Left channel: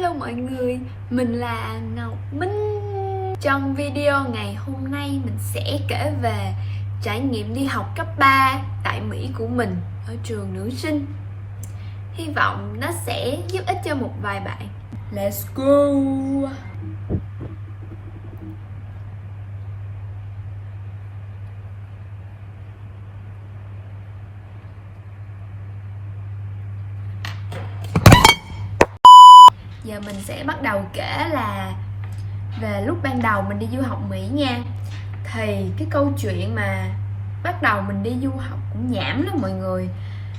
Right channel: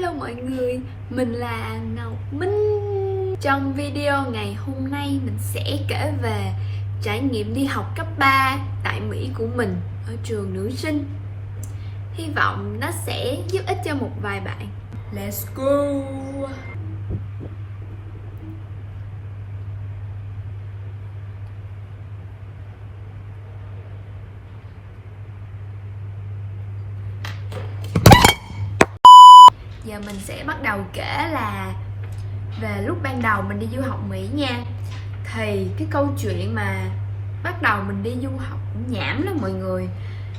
Hello mọi người, mình là Ngọc Minh. Trong video ngày hôm nay mình sẽ kể về trải nghiệm đi học cấp 3 tại Mỹ của mình ở trường nữ sinh. Hy vọng nó sẽ giúp ích cho một vài bạn. Let's go! Giờ mình sẽ bắt đầu kể là về lúc ban đầu mình đi du học Mỹ nha. Thì cái câu chuyện mà bắt đầu mình đi du học cũng nhảm lắm mọi người.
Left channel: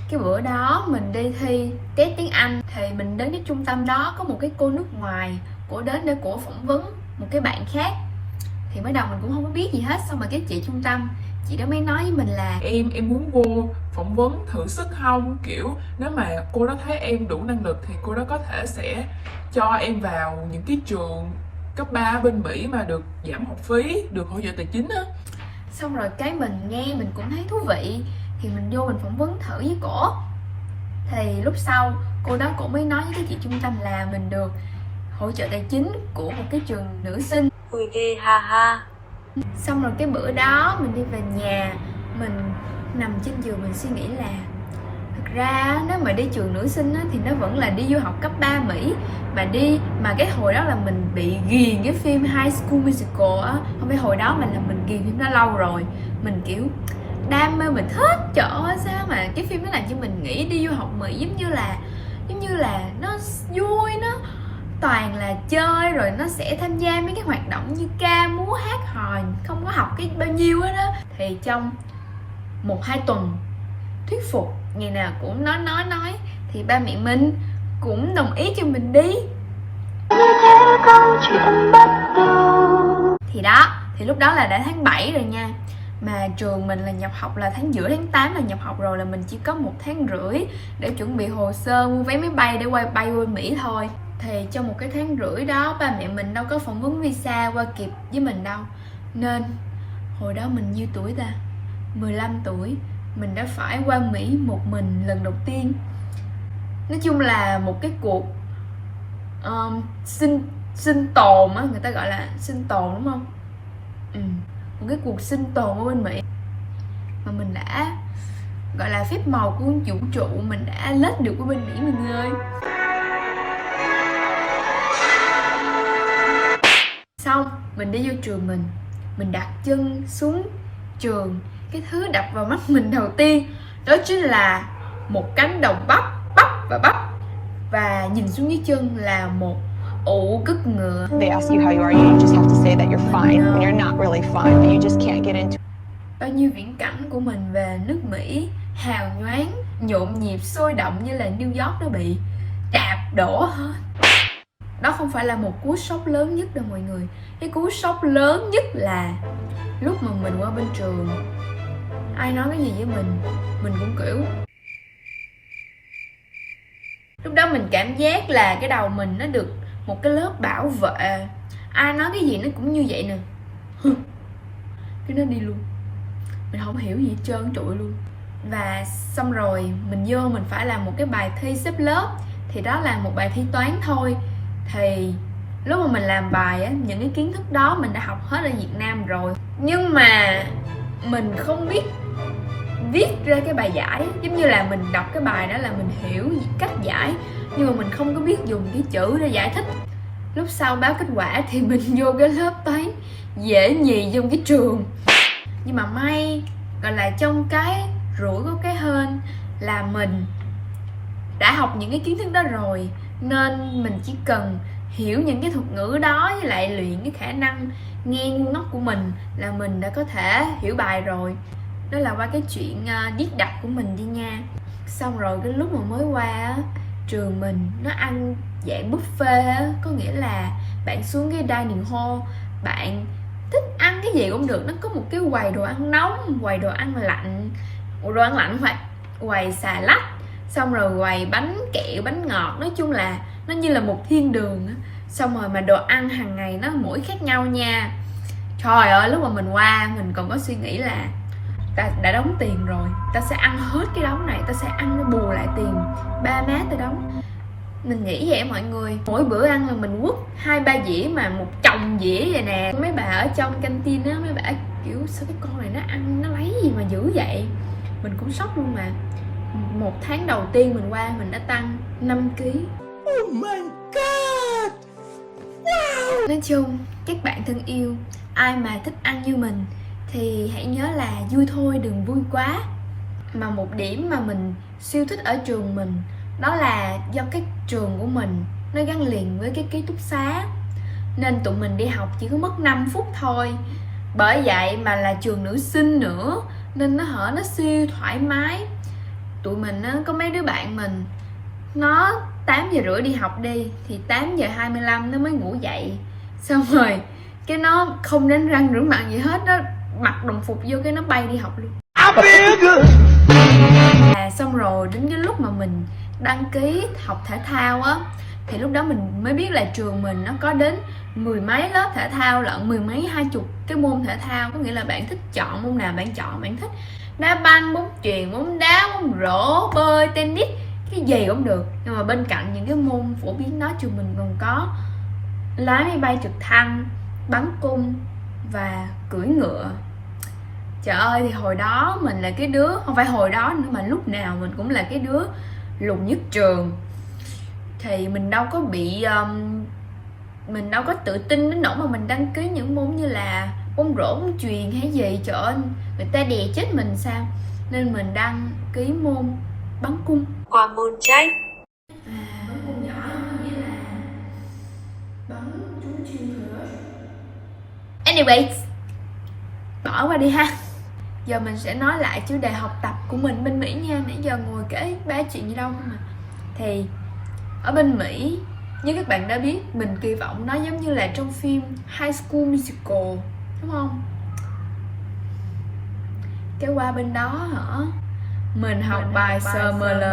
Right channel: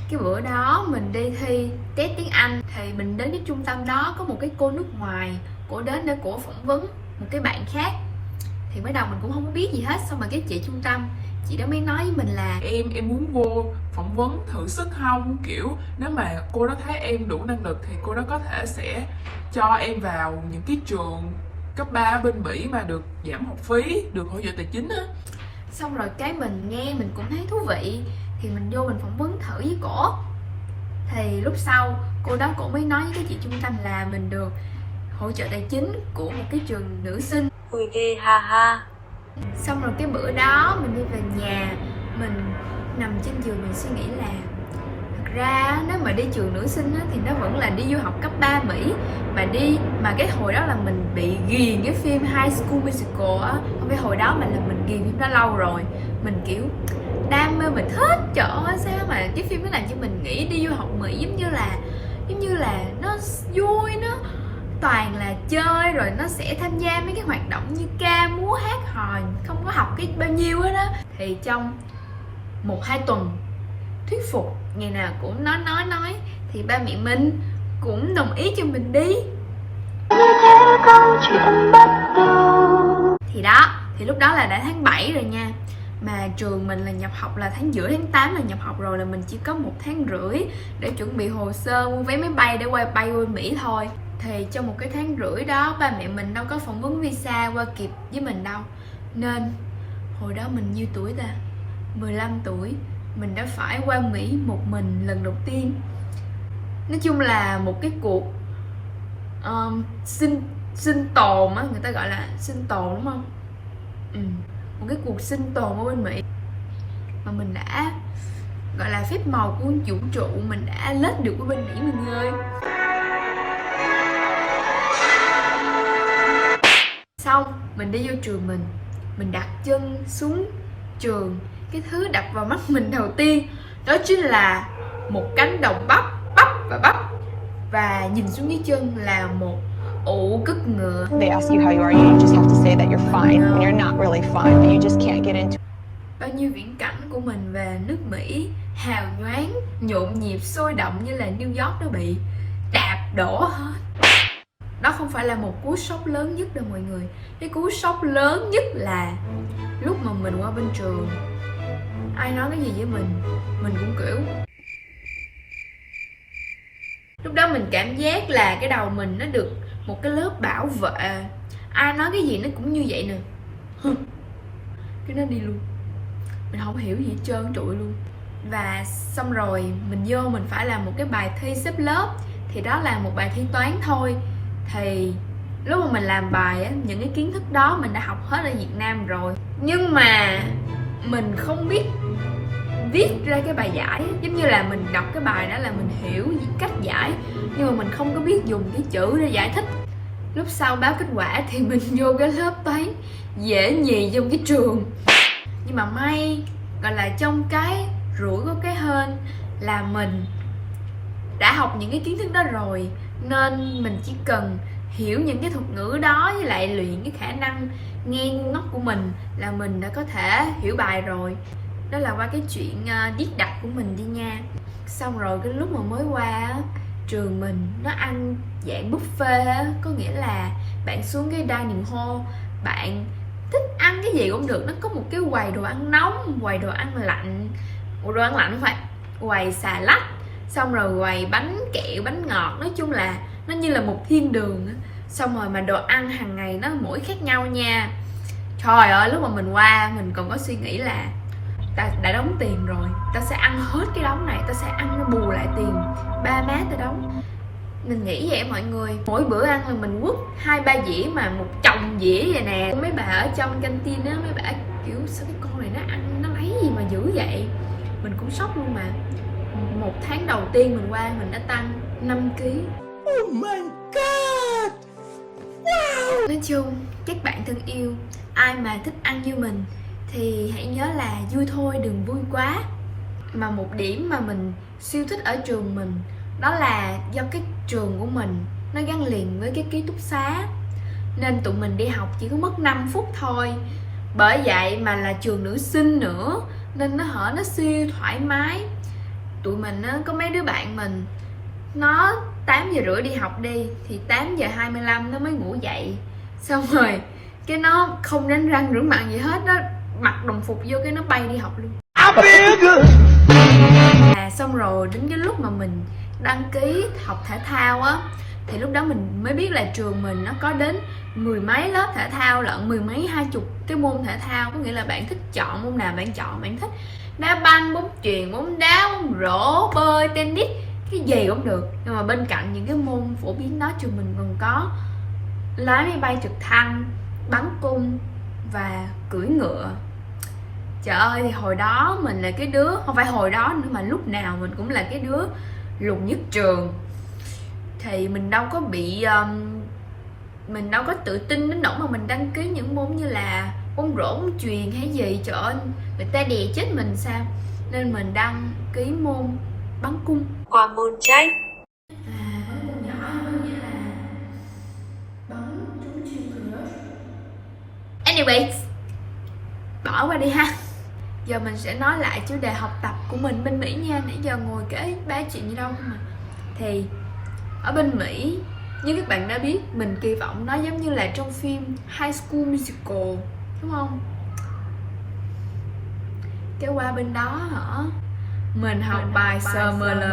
Cái bữa đó mình đi thi test tiếng Anh thì mình đến cái trung tâm đó, có một cái cô nước ngoài, cổ đến để cổ phỏng vấn một cái bạn khác. Thì mới đầu mình cũng không có biết gì hết, xong rồi cái chị trung tâm, chị đó mới nói với mình là em muốn vô phỏng vấn thử sức không, kiểu nếu mà cô đó thấy em đủ năng lực thì cô đó có thể sẽ cho em vào những cái trường cấp 3 ở bên Mỹ mà được giảm học phí, được hỗ trợ tài chính á. Xong rồi cái mình nghe mình cũng thấy thú vị thì mình vô mình phỏng vấn thử với cổ. Thì lúc sau cô đó cổ mới nói với cái chị trung tâm là mình được hỗ trợ tài chính của một cái trường nữ sinh. Vui ghê ha ha. Xong rồi cái bữa đó mình đi về nhà, mình nằm trên giường mình suy nghĩ là thực ra nếu mà đi trường nữ sinh á, thì nó vẫn là đi du học cấp 3 Mỹ. Mà cái hồi đó là mình bị ghiền cái phim High School Musical á. Không phải hồi đó mà là mình ghiền phim đó lâu rồi. Mình kiểu đam mê, mình thích. Trời ơi sao mà cái phim đó làm cho mình nghĩ đi du học Mỹ giống như là nó vui, nó toàn là chơi, rồi nó sẽ tham gia mấy cái hoạt động như ca múa hát hò, không có học cái bao nhiêu hết á. Thì trong 1-2 tuần thuyết phục, ngày nào cũng nói thì ba mẹ mình cũng đồng ý cho mình đi. Thì đó, thì lúc đó là đã tháng 7 rồi nha. Mà trường mình là nhập học là tháng giữa tháng 8 là nhập học rồi, là mình chỉ có 1 tháng rưỡi để chuẩn bị hồ sơ mua vé máy bay để bay qua Mỹ thôi. Thì trong 1 cái tháng rưỡi đó ba mẹ mình đâu có phỏng vấn visa qua kịp với mình đâu. Nên hồi đó mình nhiêu tuổi ta? 15 tuổi. Mình đã phải qua Mỹ một mình lần đầu tiên. Nói chung là một cái cuộc sinh tồn á, người ta gọi là sinh tồn đúng không? Một cái cuộc sinh tồn ở bên Mỹ mà mình đã gọi là phép màu của vũ trụ, mình đã lết được qua bên Mỹ mình ơi. Xong mình đi vô trường mình đặt chân xuống trường, cái thứ đập vào mắt mình đầu tiên đó chính là một cánh đồng bắp và nhìn xuống dưới chân là một ụ cứt ngựa. They ask you how you are, you just have to say that you're fine when you're not really fine, but you just can't get into. Bao nhiêu viễn cảnh của mình về nước Mỹ hào nhoáng, nhộn nhịp, sôi động như là New York nó bị đạp đổ hết. Đó không phải là một cú sốc lớn nhất đâu mọi người. Cái cú sốc lớn nhất là lúc mà mình qua bên trường, ai nói cái gì với mình cũng kiểu lúc đó mình cảm giác là cái đầu mình nó được một cái lớp bảo vệ. Ai nói cái gì nó cũng như vậy nè. Cái nó đi luôn. Mình không hiểu gì hết trơn trụi luôn. Và xong rồi mình vô mình phải làm một cái bài thi xếp lớp. Thì đó là một bài thi toán thôi. Thì lúc mà mình làm bài á, những cái kiến thức đó mình đã học hết ở Việt Nam rồi. Nhưng mà mình không biết viết ra cái bài giải. Giống như là mình đọc cái bài đó là mình hiểu cách giải, nhưng mà mình không có biết dùng cái chữ để giải thích. Lúc sau báo kết quả thì mình vô cái lớp toán dễ nhì trong cái trường. Nhưng mà may gọi là trong cái rủi có cái hên là mình đã học những cái kiến thức đó rồi, nên mình chỉ cần hiểu những cái thuật ngữ đó với lại luyện cái khả năng nghe ngu ngốc của mình là mình đã có thể hiểu bài rồi. Đó là qua cái chuyện viết đọc của mình đi nha. Xong rồi cái lúc mà mới qua á, trường mình nó ăn dạng buffet á, có nghĩa là bạn xuống cái dining hall, bạn thích ăn cái gì cũng được. Nó có một cái quầy đồ ăn nóng, quầy đồ ăn lạnh, phải quầy xà lách, xong rồi quầy bánh kẹo, bánh ngọt. Nói chung là nó như là một thiên đường á. Xong rồi mà đồ ăn hàng ngày nó mỗi khác nhau nha. Trời ơi, lúc mà mình qua mình còn có suy nghĩ là ta đã đóng tiền rồi, ta sẽ ăn hết cái đống này, ta sẽ ăn bù lại tiền ba má ta đóng. Mình nghĩ vậy mọi người. Mỗi bữa ăn là mình quất 2-3 dĩa mà một chồng dĩa vậy nè. Mấy bà ở trong canteen á, mấy bà kiểu sao cái con này nó ăn nó lấy gì mà dữ vậy. Mình cũng sốc luôn mà. Một tháng đầu tiên mình qua mình đã tăng 5 kg. Oh my god. Wow. Nói chung các bạn thân yêu, ai mà thích ăn như mình thì hãy nhớ là vui thôi đừng vui quá. Mà một điểm mà mình siêu thích ở trường mình đó là do cái trường của mình nó gắn liền với cái ký túc xá, nên tụi mình đi học chỉ có mất 5 phút thôi. Bởi vậy mà là trường nữ sinh nữa nên nó siêu thoải mái. Tụi mình á, có mấy đứa bạn mình nó 8 giờ rưỡi đi học đi thì 8 giờ 25 nó mới ngủ dậy, xong rồi cái nó không đánh răng rửa mặt gì hết, nó mặc đồng phục vô cái nó bay đi học luôn. Xong rồi đến cái lúc mà mình đăng ký học thể thao á thì lúc đó mình mới biết là trường mình nó có đến 10 mấy lớp thể thao lận, 10 mấy 20 cái môn thể thao. Có nghĩa là bạn thích chọn môn nào bạn chọn. Bạn thích đá banh, bóng chuyền, bóng đá, bóng rổ, bơi, tennis, cái gì cũng được. Nhưng mà bên cạnh những cái môn phổ biến đó, trường mình còn có lái máy bay trực thăng, bắn cung và cưỡi ngựa. Trời ơi, thì hồi đó mình là cái đứa, không phải hồi đó nữa mà lúc nào mình cũng là cái đứa lùn nhất trường. Thì mình đâu có bị mình đâu có tự tin đến nỗi mà mình đăng ký những môn như là bóng rổ, bóng chuyền hay gì. Trời ơi, người ta đè chết mình sao. Nên mình đăng ký môn bắn cung. Qua môn chay. Bắn cung giỏi có nghĩa là bắn trúng chuyên thừa. Anyways, bỏ qua đi ha. Giờ mình sẽ nói lại chủ đề học tập của mình bên Mỹ nha. Nãy giờ ngồi kể ba chuyện gì đâu mà. Thì ở bên Mỹ, như các bạn đã biết, mình kỳ vọng nó giống như là trong phim High School Musical, đúng không? Cái qua bên đó hả, mình học bài SML.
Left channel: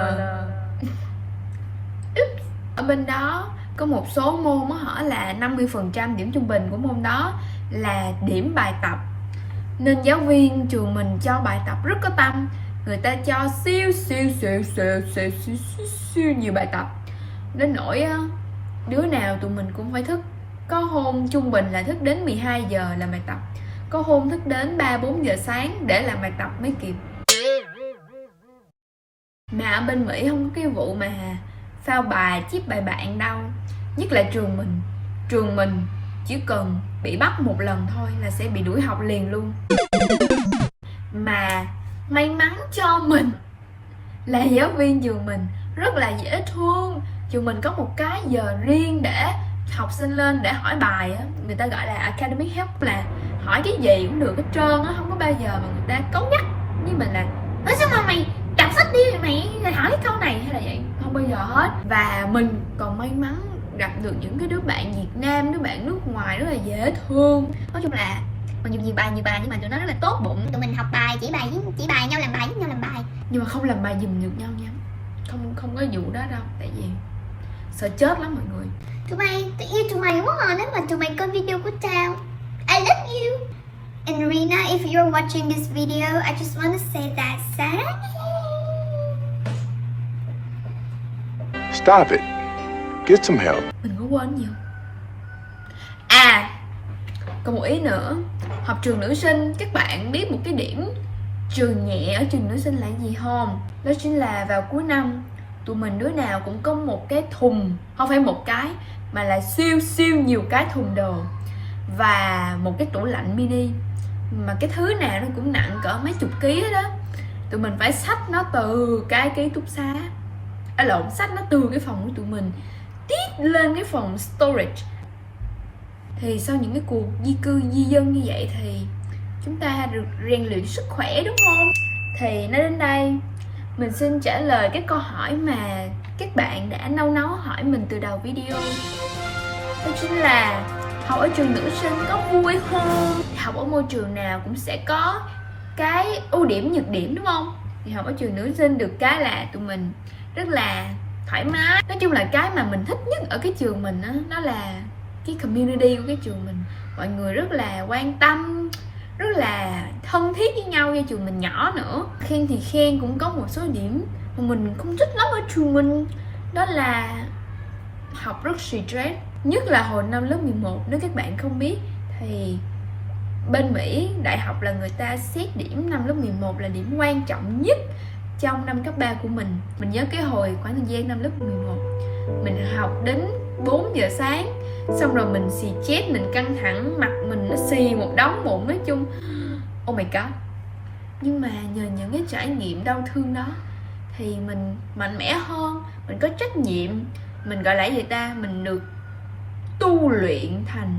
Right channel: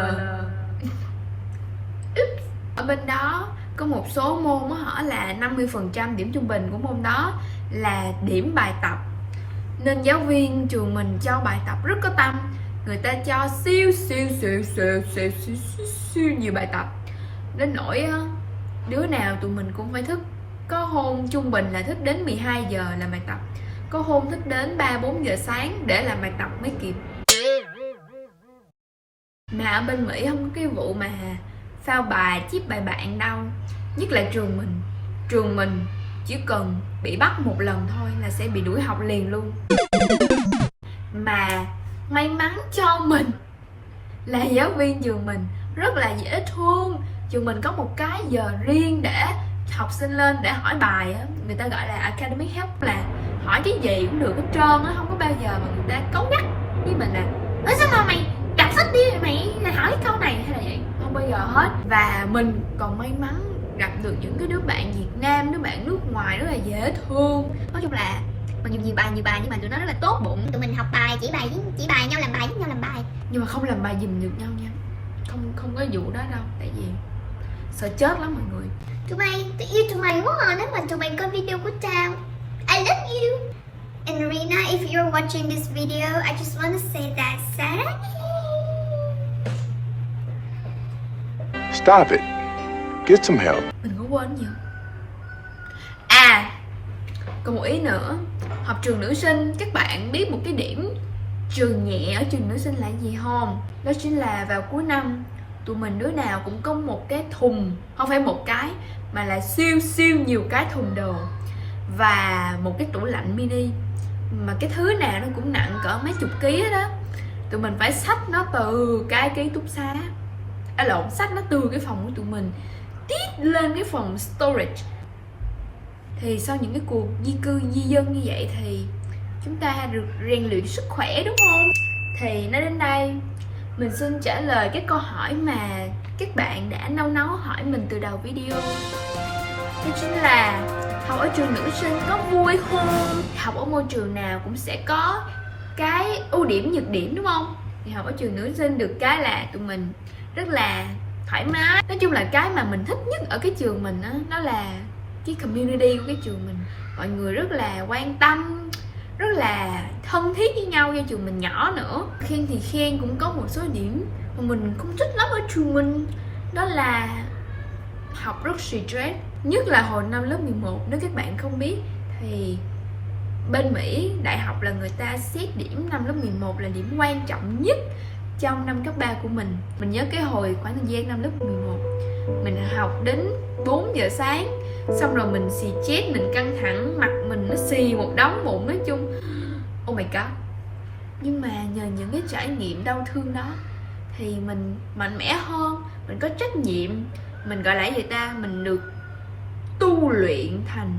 Ở bên đó có một số môn hả là 50% điểm trung bình của môn đó là điểm bài tập. Nên giáo viên trường mình cho bài tập rất có tâm. Người ta cho siêu nhiều bài tập. Đến nỗi đứa nào tụi mình cũng phải thức. Có hôm trung bình là thức đến 12 giờ làm bài tập, có hôm thức đến 3-4 giờ sáng để làm bài tập mới kịp. Mà ở bên Mỹ không có cái vụ mà phao bài, chip bài bạn đâu. Nhất là trường mình chỉ cần bị bắt một lần thôi là sẽ bị đuổi học liền luôn. Mà may mắn cho mình là giáo viên trường mình rất là dễ thương. Trường mình có một cái giờ riêng để học sinh lên để hỏi bài á. Người ta gọi là academic help, là hỏi cái gì cũng được hết trơn á. Không có bao giờ mà người ta cấu nhắc với mình là ơ sao mà mày đọc sách đi, mày hỏi cái câu này hay là vậy. Không bao giờ hết. Và mình còn may mắn gặp được những cái đứa bạn Việt Nam, đứa bạn nước ngoài rất là dễ thương. Nói chung là còn nhiều bài nhưng mà tụi nó rất là tốt bụng. Tụi mình học bài chỉ bài nhau, làm bài. Nhưng mà không làm bài giùm được nhau nha. Không có vụ đó đâu. Tại vì sợ chết lắm mọi người. Tụi yêu tụi mày quá à, nếu mà tụi mày coi video của tao. I love you. And Rina, if you're watching this video, I just want to say that Sarah. Stop it. Get some help. Mình có quên gì không? Còn một ý nữa. Học trường nữ sinh, các bạn biết một cái điểm trường nhẹ ở trường nữ sinh là gì không? Đó chính là vào cuối năm tụi mình đứa nào cũng có một cái thùng, không phải một cái mà là siêu nhiều cái thùng đồ và một cái tủ lạnh mini, mà cái thứ nào nó cũng nặng cỡ mấy chục ký đó. Tụi mình phải xách nó từ cái ký túc xá, xách nó từ cái phòng của tụi mình tiếp lên cái phòng storage. Thì sau những cái cuộc di cư di dân như vậy thì chúng ta được rèn luyện sức khỏe, đúng không? Thì nói đến đây mình xin trả lời cái câu hỏi mà các bạn đã nấu hỏi mình từ đầu video. Đó chính là học ở trường nữ sinh có vui không? Học ở môi trường nào cũng sẽ có cái ưu điểm nhược điểm, đúng không? Thì học ở trường nữ sinh được cái là tụi mình rất là thoải mái. Nói chung là cái mà mình thích nhất ở cái trường mình đó là cái community của cái trường mình. Mọi người rất là quan tâm, rất là thân thiết với nhau, cho trường mình nhỏ nữa. Khen thì khen cũng có một số điểm mà mình không thích lắm ở trường mình. Đó là học rất stress. Nhất là hồi năm lớp 11, nếu các bạn không biết thì bên Mỹ đại học là người ta xét điểm năm lớp 11 là điểm quan trọng nhất trong năm cấp 3 của mình. Mình nhớ cái hồi khoảng thời gian năm lớp 11, mình học đến 4 giờ sáng, xong rồi mình xì chết, mình căng thẳng, mặt mình nó xì một đống mụn, nói chung oh my god. Nhưng mà nhờ những cái trải nghiệm đau thương đó thì mình mạnh mẽ hơn, mình có trách nhiệm, mình gọi là gì ta, mình được tu luyện thành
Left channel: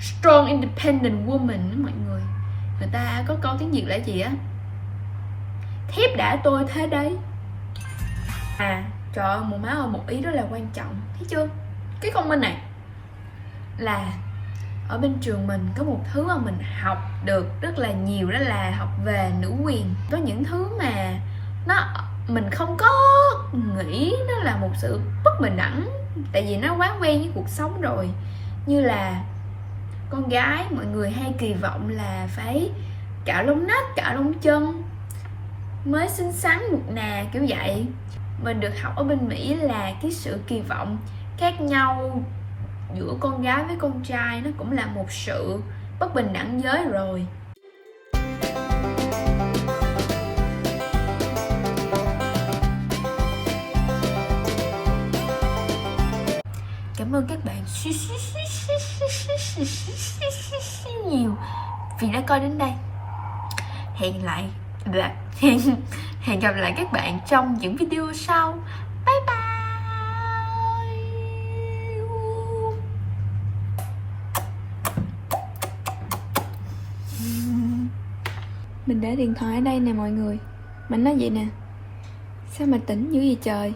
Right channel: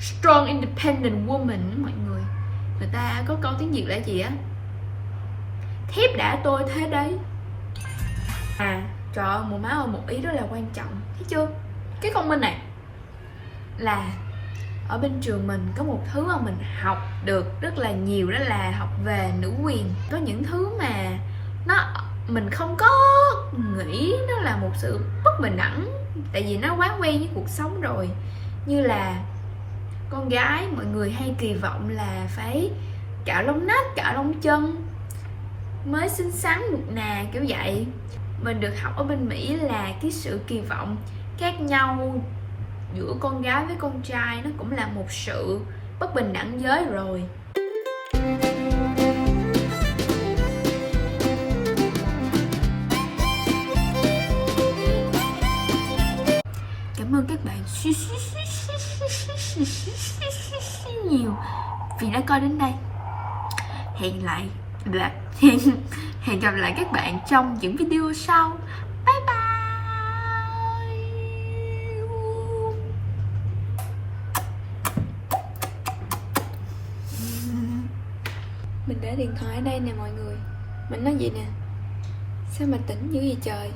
strong independent woman đó mọi người. Người ta có câu tiếng Việt là gì á, thép đã tôi thế đấy. Trời ơi, một má ơi, một ý rất là quan trọng, thấy chưa? Cái comment này là ở bên trường mình có một thứ mà mình học được rất là nhiều, đó là học về nữ quyền. Có những thứ mà mình không có nghĩ nó là một sự bất bình đẳng, tại vì nó quá quen với cuộc sống rồi. Như là con gái, mọi người hay kỳ vọng là phải cạo lông nách, cạo lông chân mới xinh xắn được nè, kiểu vậy. Mình được học ở bên Mỹ là cái sự kỳ vọng khác nhau giữa con gái với con trai nó cũng là một sự bất bình đẳng giới rồi. Cảm ơn các bạn nhiều vì đã coi đến đây. Hẹn gặp lại các bạn trong những video sau. Bye bye. Mình để điện thoại ở đây nè mọi người. Mình nói vậy nè, sao mà tỉnh dữ vậy trời.